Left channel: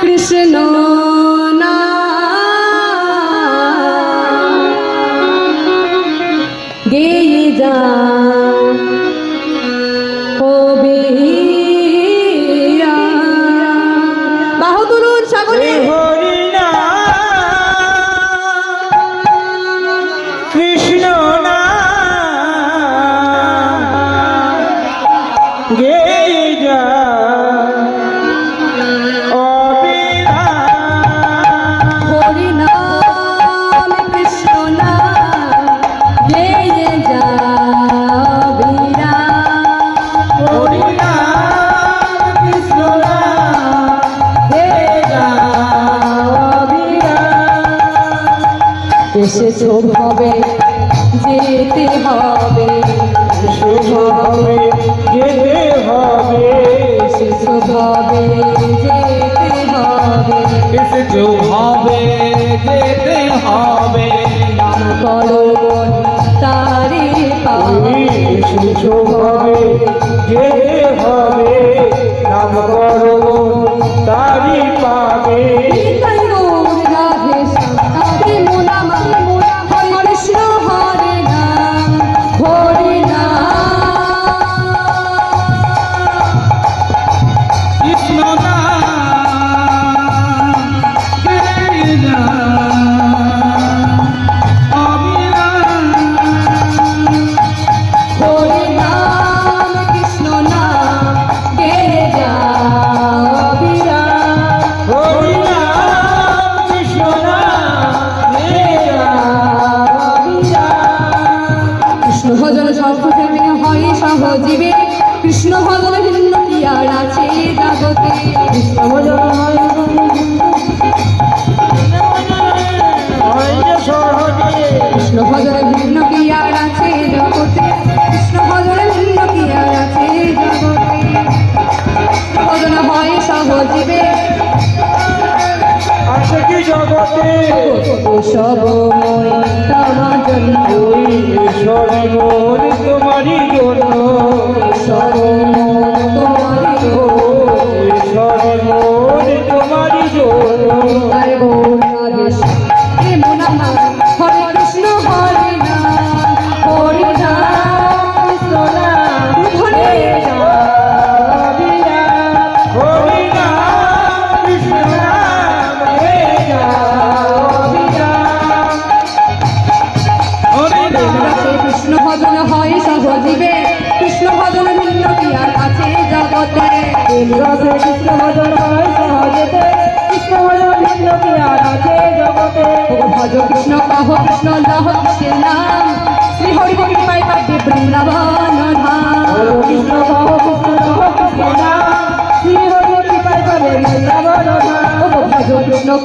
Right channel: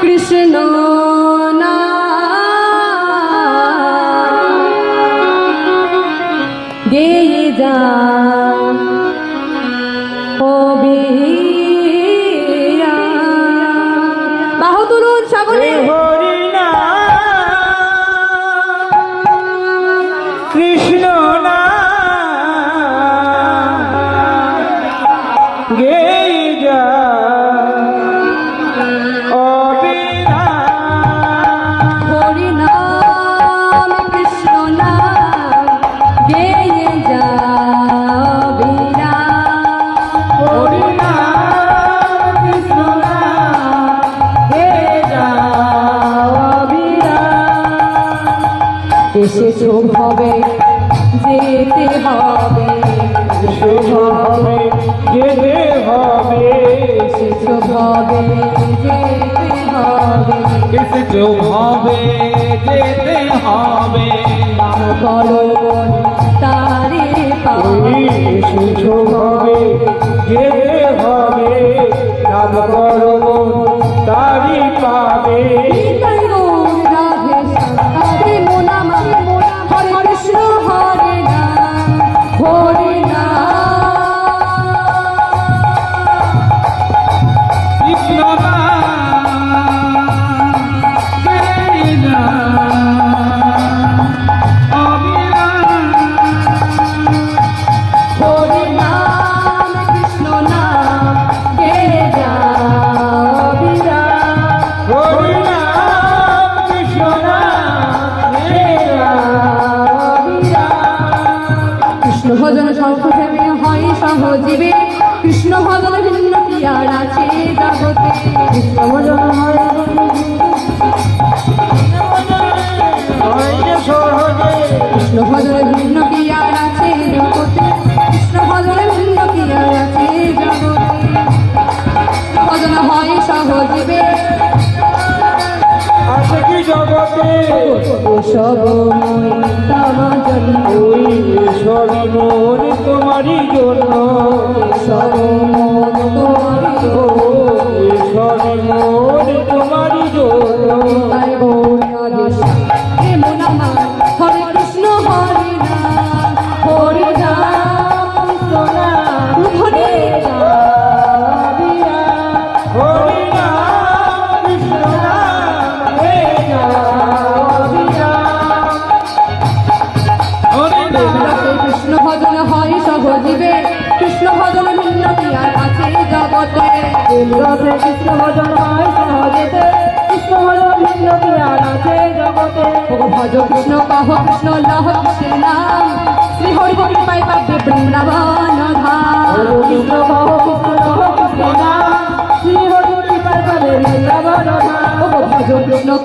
কৃষ্ণ গেয়ে যা। শেষে চোখ হবে যেতে হবে হবে যেতে হবে শেষ হবে যেতে হবে। এসে চোখ হবে যেতে হবে কারণ তারি তারি ছোট সহজন সৎ কৃষ্ণ ভজন